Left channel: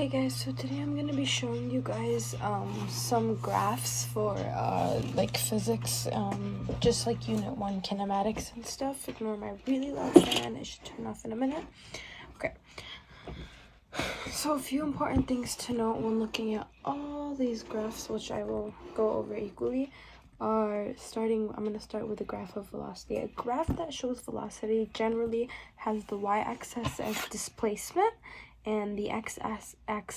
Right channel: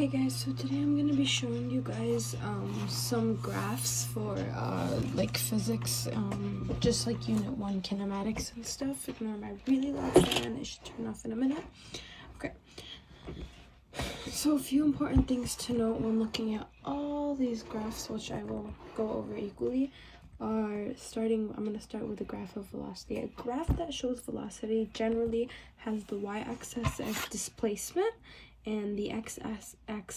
Hey guys, so today I'm going to be showing you guys some graphs for like physics, just like unit 1 kinematics and stuff. Ignore my really loud fan, it should turn off in a minute. Okay, so a few important things to note when looking at all these graphs, which I will go over equally, I'm going to start with a graph of velocity. A graph that shows velocity generally has the y-axis as displacement and the x-axis as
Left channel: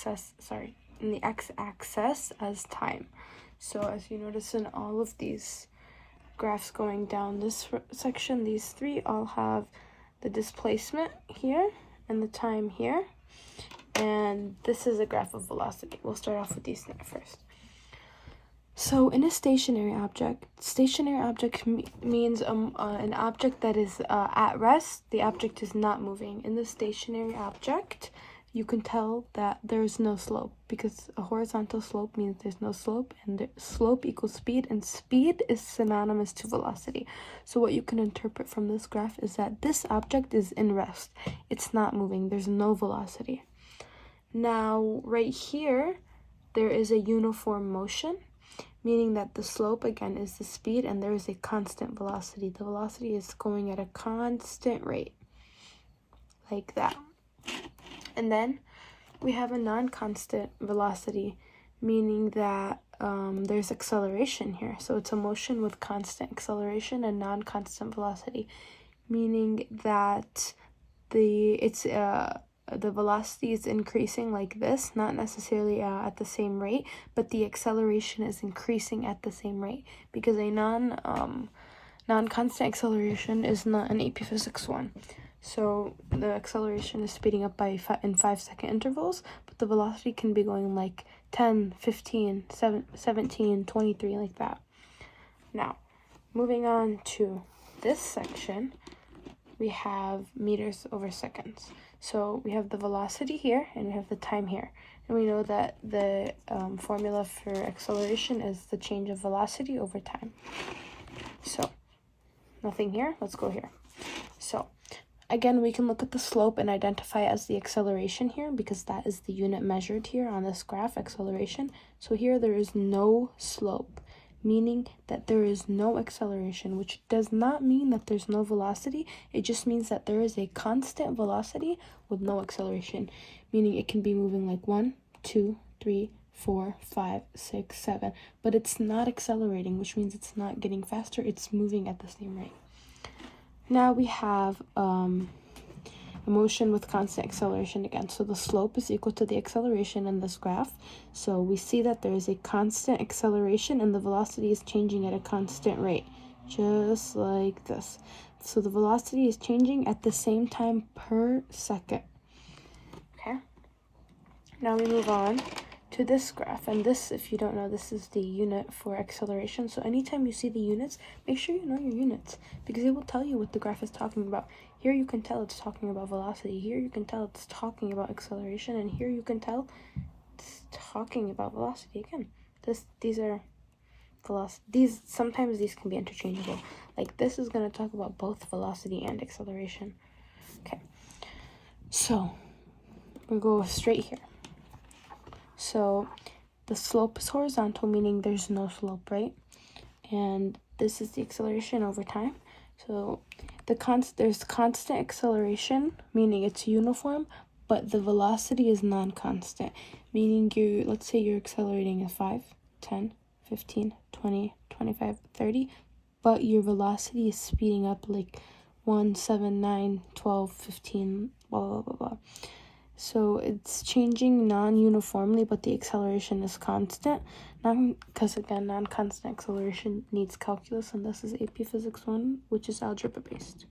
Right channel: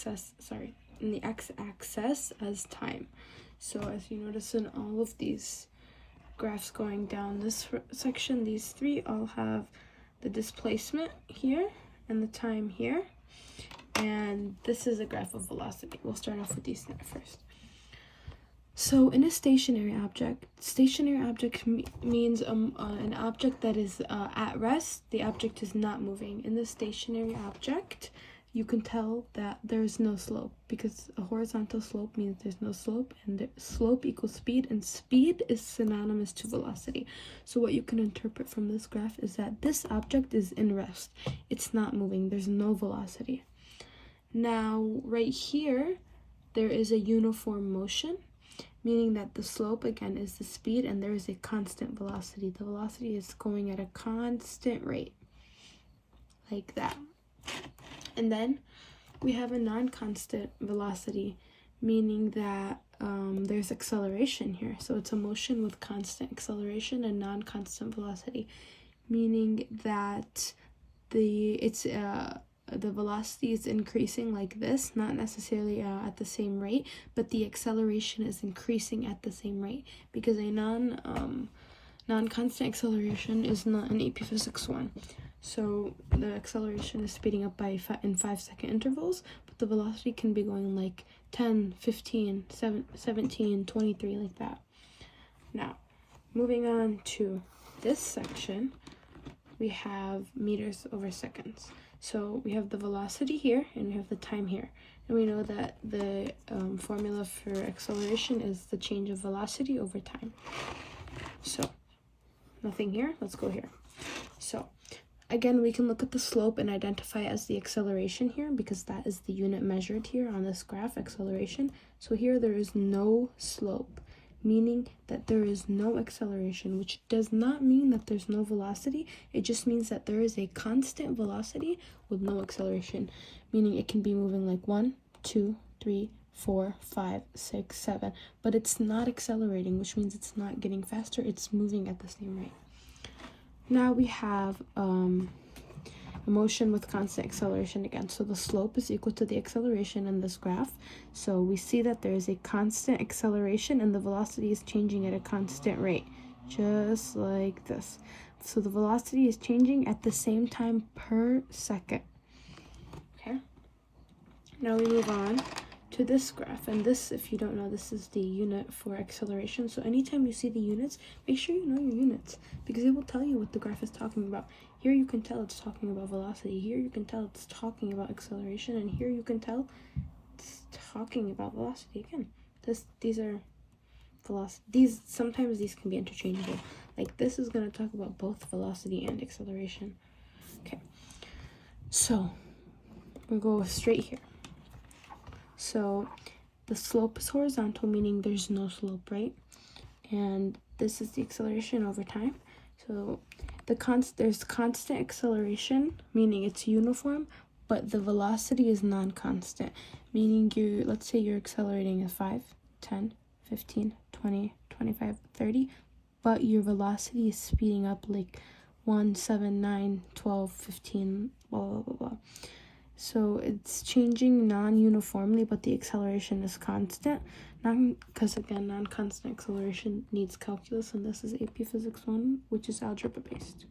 time. So as you notice in all of these graphs going down this section, these three all have the displacement here and the time here. And this is a graph of velocity. We'll start off with these first. So in a stationary object means an object that is at rest. The object is not moving. In the stationary object, you can tell that there's no slope because a horizontal slope means there's no slope, and the slope equals speed, and speed is synonymous to velocity. So what you can interpret from this graph is that this object is in rest. It's not moving. There's no velocity. Now, right here, there is a uniform motion, meaning that the slope, again, is the speed, and there is a constant velocity. The velocity is going at a constant rate, like that. And then we have a non-constant velocity, meaning that there's acceleration here. So it's a motion with constant acceleration and non-constant velocity, meaning that the velocity is increasing like this, not necessarily at the same rate, but the acceleration is increasing at the same rate, because a non-constant acceleration is not an AP Physics 1. So the acceleration is speeding up in 5-second intervals, but the velocity can be going like 10, 15, 17, 23, like that. Now, moving on to this section, we have meters over seconds. So we have the velocity here, and we have the time here. And we know that the formula for acceleration is the change of velocity over time. So nothing here, let's go here. So again, we can look at the slope and identify it as the acceleration here, because that is the unit measured here on this graph, acceleration. So here there is no slope, meaning that there is no acceleration, which does not mean that there's no velocity. It just means that there is a constant velocity with no acceleration, meaning it can be moving like 1, 2, 3, 4, 5, 6, 7, but it's not accelerating, which means it's not getting faster. It's moving at the same rate. Now we have a motion with constant acceleration again. So the slope is equal to the acceleration in this graph. So we see that there is a constant acceleration and the velocity is changing at a constant rate, just like this. So the velocity is changing at the same time per second. Okay. Now we move on to this graph, and this, if you don't know, this is the unit for acceleration. So anytime you see the units, make sure you know your units, because it will tell you what the graph is talking about. Here you can tell it's talking about velocity, here you can tell it's talking about acceleration, and here you can tell it's talking about velocity again. These are velocity. Sometimes these can be interchangeable. Like this is going to talk about both velocity and acceleration. Okay, so we'll go straight here. So the slope is horizontal, meaning there's no slope, right? And this is the acceleration over time. So there's constant acceleration, meaning it's uniform, but the velocity is non-constant, meaning let's say you're accelerating at 5, 10, 15, 20, 25, 30, but your velocity is speeding up like 1, 7, 9, 12, 15, blah, blah, blah, blah. So it's changing non-uniformly, but the acceleration is constant. Because again, non-constant acceleration needs calculus, and this is AP Physics 1, which is algebra based.